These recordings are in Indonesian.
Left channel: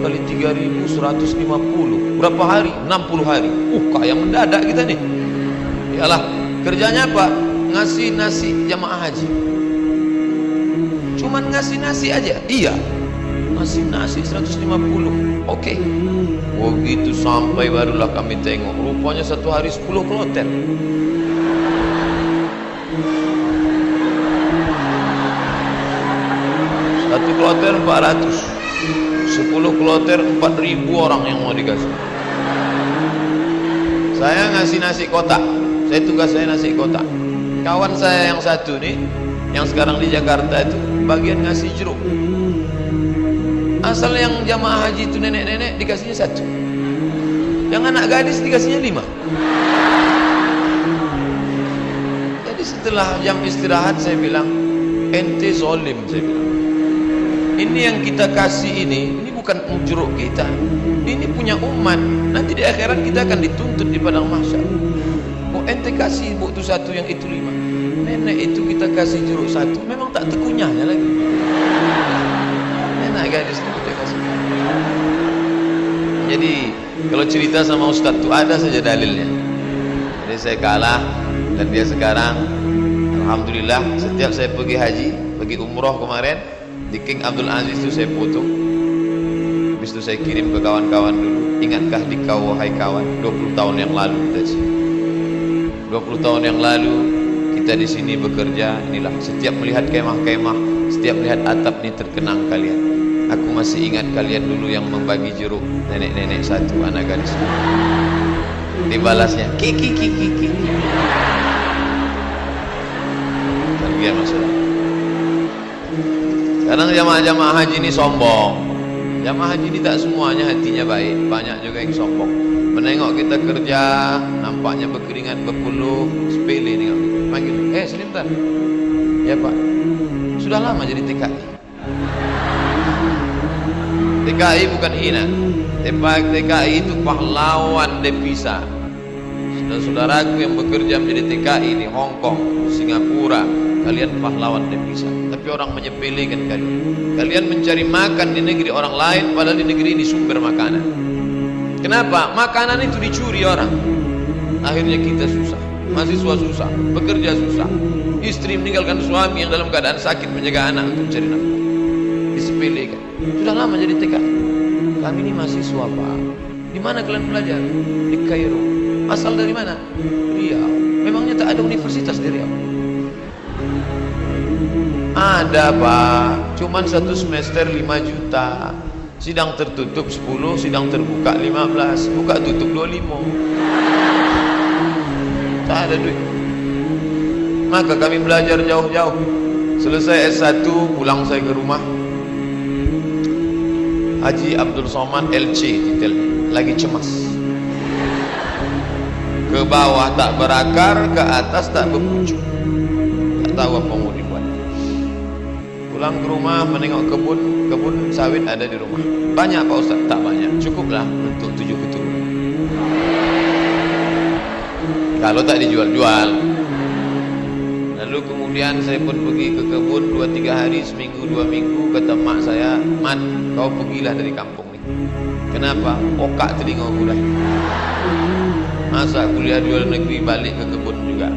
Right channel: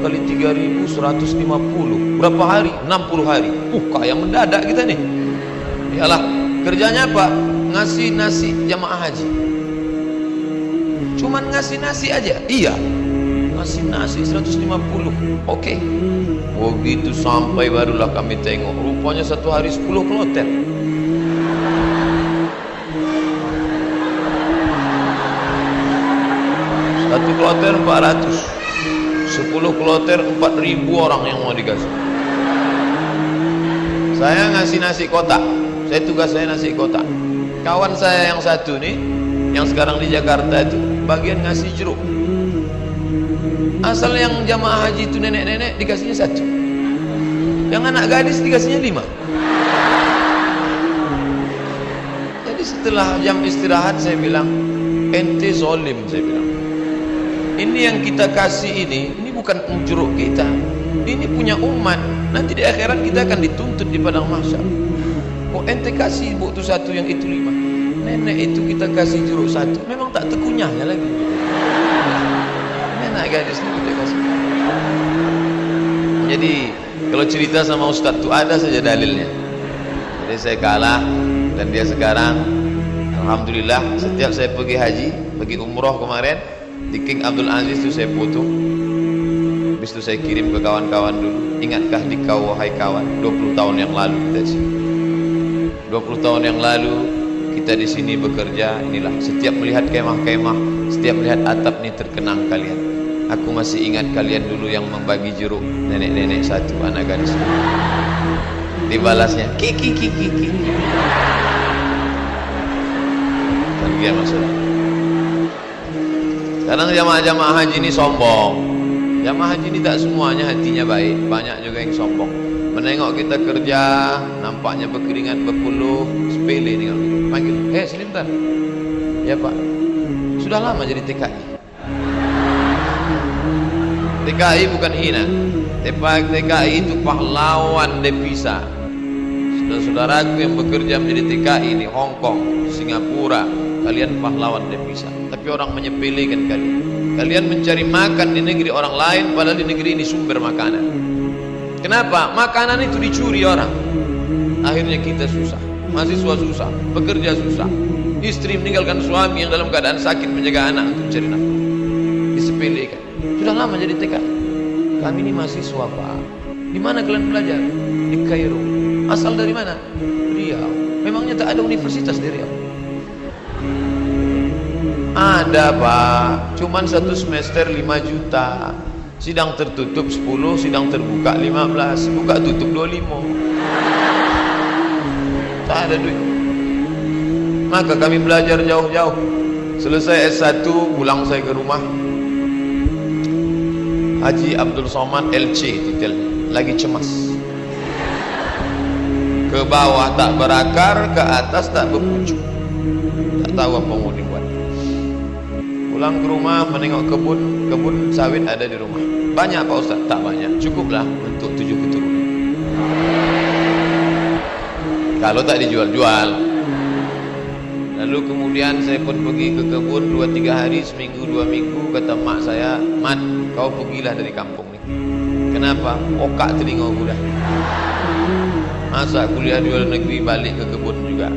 Kali 3.150 berapa hari? 60 hari. Kaya mendadak kita nih. Iyalah, kerjanya apa? Ngasih nasi jamaah haji. Cuman ngasih nasi aja. Iya, ngasih nasi 150. Oke. Begitu sampai barulah kami tengok, rupanya satu hari 10 kloter. Satu kloter 400. 10 kloter 4.000 orang yang mau dikasih. Saya ngasih nasi kotak. Tugas saya nasi kotak. Kawan saya yang satu nih, yang sekarang di Jakarta itu, bagian ngasih jeruk. Asal yang jamaah haji itu nenek-nenek dikasihnya 1. Yang anak gadis dikasihnya 5. Jadi setelah jam istirahat saya bilang, ente zolim, saya bilang. Ini yang kita kasih ini bukan jeruk kita, ini punya umat. Nanti di akhirat kita akan dituntut di padang mahsyar. Kok ente kasih buktu 1 yang itu 5? Nenek itu kita kasih jeruk 1, memang tak tekunyahnya lagi. Nenek gadis itu kita kasih. Jadi kalau cerita sama Ustaz itu ada saja dalilnya. Jadi saya kalah dan dia sekarang alhamdulillah setiap saya pergi haji, pergi umroh kemarin di King Abdul Aziz itu saya foto. Habis itu saya kirim ke kawan-kawan dulu. Ingatkah di kau wahai kawan, 20 tahun yang lalu kita di sini. 20 tahun yang lalu kita di sini bekerja. Inilah setiap melihat kemah-kemah, setiap melihat atap ini terkenang kalian. Aku masih ingat kalian dulu yang membagi jeruk, nenek-nenek 1, anak gadis. Dibalasnya kiki. Terbiar masalah. Kadang jamaah-jamaah haji ini sombong. Jamaah haji ini tak semuanya hatinya baik, banyak juga yang sombong. Menengok kita kerja, nampaknya berkeringat berpuluh, sepele nengok kita. Panggil, sini bentar. Ya Pak, sudah lama jadi TKI. TKI bukan hina. TKI itu pahlawan devisa. Saudara-saudaraku yang bekerja menjadi TKI di Hong Kong, Singapura, kalian pahlawan devisa. Tapi orang menyepelekan kalian. Kalian mencari makan di negeri orang lain, padahal di negeri ini sumber makanan. Kenapa? Makanan itu dicuri orang. Akhirnya kita susah, mahasiswa susah, pekerja susah, istri meninggalkan suami yang dalam keadaan sakit menjaga anak untuk mencari nafkah. Disepelekan. Sudah lama jadi TKI. Kami ini mahasiswa Pak. Di mana kalian belajar? Di Kairo. Asal dari mana? Riau. Memangnya tak ada universitas di Riau? Ada Pak, cuman 1 semester 5 juta. Sidang tertutup 10, sidang terbuka 15, buka tutup 25. Tak ada duit. Maka kami belajar jauh-jauh. Selesai S1, pulang saya ke rumah. Haji Abdul Somad LC titelnya, lagi cemas. Ke bawah tak berakar, ke atas tak berpucuk. Tak tahu apa mau dibuat. Pulang ke rumah menengok kebun sawit ada di rumah. Banyak Pak Ustaz? Tak banyak, cukuplah untuk 7 keturunan. Kalau tak dijual-jual. Lalu kemudian saya pun pergi ke kebun 2-3 hari, seminggu 2 minggu. Kata mak saya, Mat, kau pergilah dari kampung ni. Kenapa? Okak telinga aku dah. Masa kuliah di luar negeri balik ke kebun juga.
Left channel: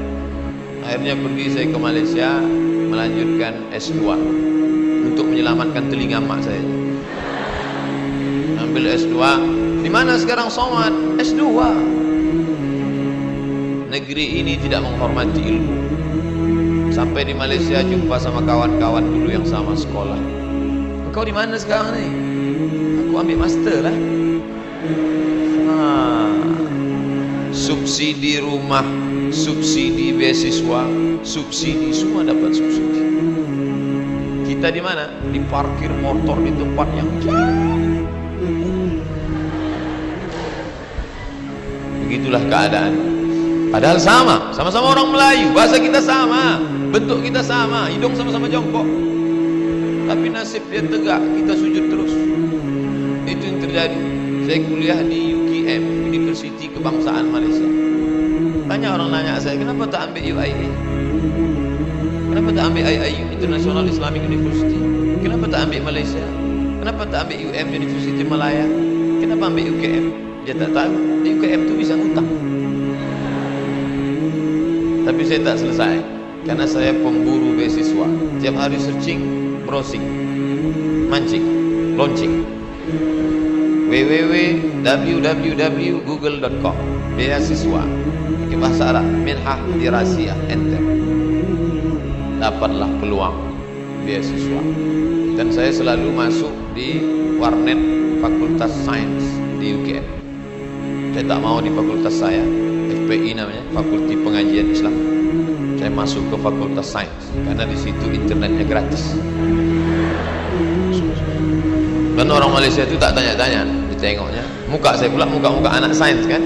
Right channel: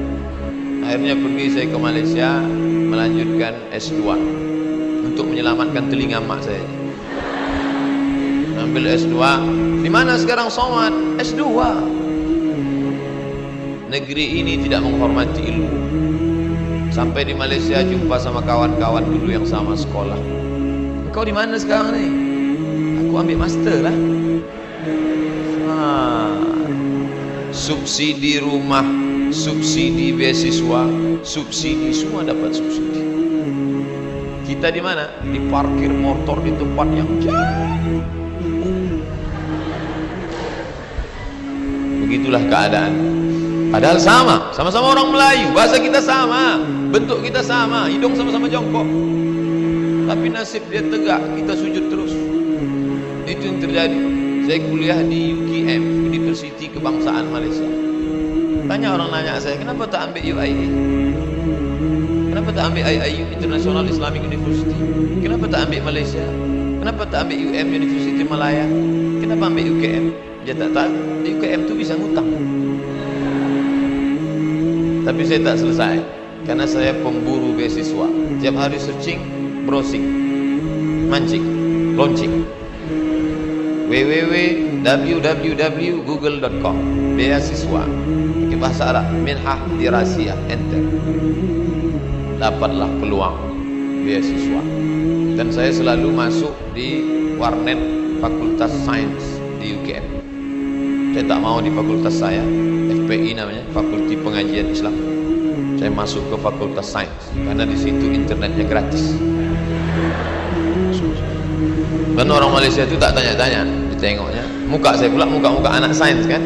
Akhirnya pergi saya ke Malaysia melanjutkan S2 untuk menyelamatkan telinga mak saya. Ambil S2. Di mana sekarang Somad? S2. Negeri ini tidak menghormati ilmu. Sampai di Malaysia jumpa sama kawan-kawan dulu yang sama sekolah. Engkau di mana sekarang nih? Aku ambil master lah. Subsidi rumah, subsidi beasiswa, subsidi, semua dapat subsidi. Kita di mana? Di parkir motor di tempat yang jauh. Begitulah keadaan. Padahal sama-sama orang Melayu, bahasa kita sama, bentuk kita sama, hidung sama-sama jongkok. Tapi nasib dia tegak, kita sujud terus. Itu yang terjadi. Saya kuliah di UKM, University Kebangsaan Malaysia. Banyak orang nanya saya, kenapa tak ambil UIA? Kenapa tak ambil IIU, International Islamic University? Kenapa tak ambil Malaysia? Kenapa tak ambil UM, University Malaya? Kenapa ambil UKM? Dia tak tahu, di UKM tu bisa ngutang. Tapi saya tak selesai, karena saya pemburu beasiswa. Tiap hari searching, browsing, mancing, launching. www.google.com beasiswa pakai bahasa Arab, minhah dirasiyah, enter. Dapatlah peluang beasiswa. Dan saya selalu masuk di warnet Fakultas Sains di UKM. Saya tak mau di fakultas saya, FPI namanya, Fakulti Pengajian Islam. Saya masuk ke Fakultas Sains karena di situ internetnya gratis. Dan orang Malaysia itu tak tanya-tanya, ditengoknya muka saya pula, muka-muka anak sains kan.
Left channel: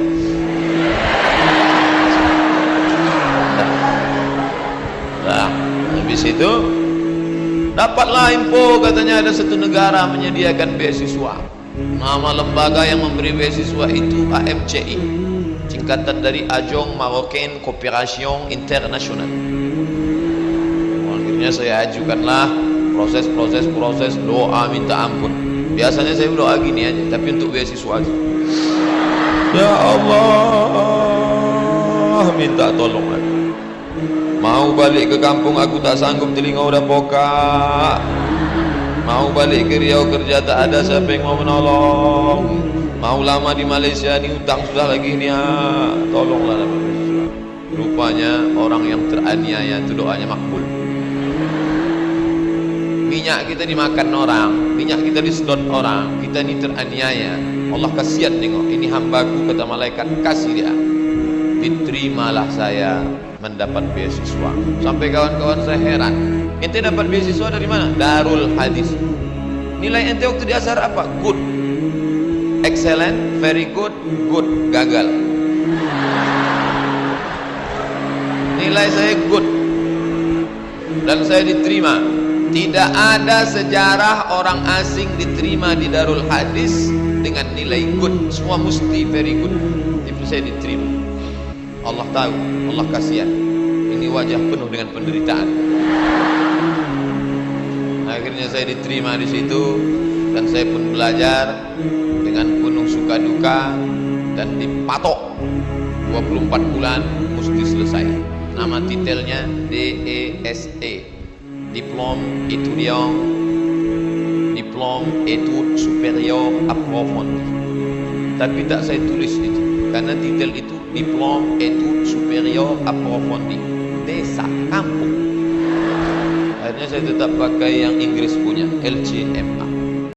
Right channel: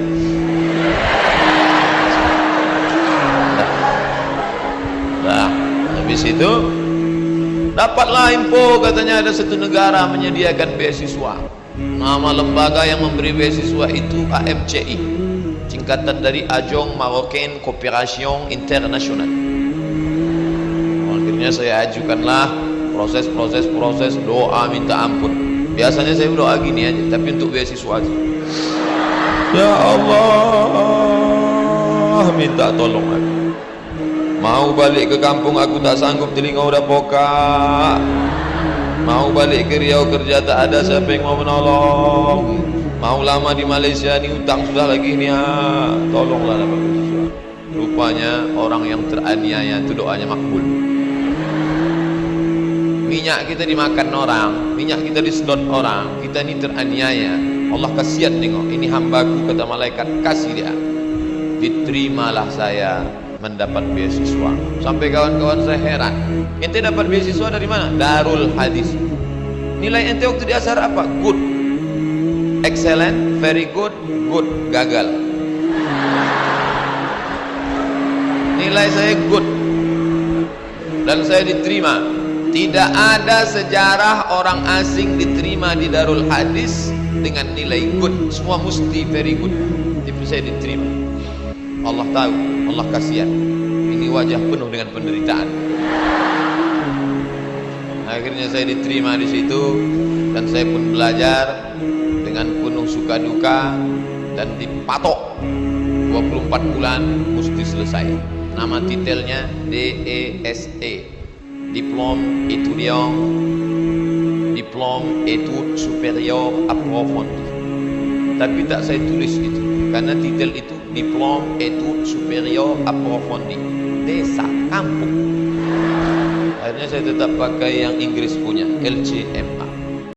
Nah, habis itu dapatlah info, katanya ada satu negara menyediakan beasiswa. Nama lembaga yang memberi beasiswa itu AMCI, singkatan dari Agence Marocaine Coopération Internationale. Akhirnya saya ajukanlah, proses, doa minta ampun. Biasanya saya doa gini aja, tapi untuk beasiswa aja. Ya Allah, minta tolong aku. Mau balik ke kampung aku tak sanggup, telinga udah pokak. Mau balik ke Riau kerja tak ada siapa yang mau menolong. Mau lama di Malaysia ni hutang sudah lagi ni, tolonglah dapat beasiswa. Rupanya orang yang teraniaya itu doanya makbul. Minyak kita dimakan orang, minyak kita disedot orang, kita ni teraniaya. Allah kasihan tengok, ini hambaku, kata malaikat, kasih dia. Diterimalah saya mendapat beasiswa. Sampai kawan-kawan saya heran, ente dapat beasiswa dari mana? Darul Hadis. Nilai ente waktu di Azhar apa? Good, excellent, very good, good, gagal. Nilai saya good dan saya diterima. Tidak ada sejarah orang asing diterima di Darul Hadis dengan nilai good. Semua mesti very good. Tapi saya diterima. Allah tahu, Allah kasihan. Ini wajah penuh dengan penderitaan. Akhirnya saya diterima di situ dan saya pun belajar dengan penuh suka duka dan dipatok 24 bulan mesti selesai. Nama titelnya DESE, Diplôme étudiant, Diplôme études supérieures approfondies. Tapi tak saya tulis itu, karena titel itu Diplôme études supérieures approfondies, desa, kampung. Akhirnya saya tetap pakai yang Inggris punya, LCMA.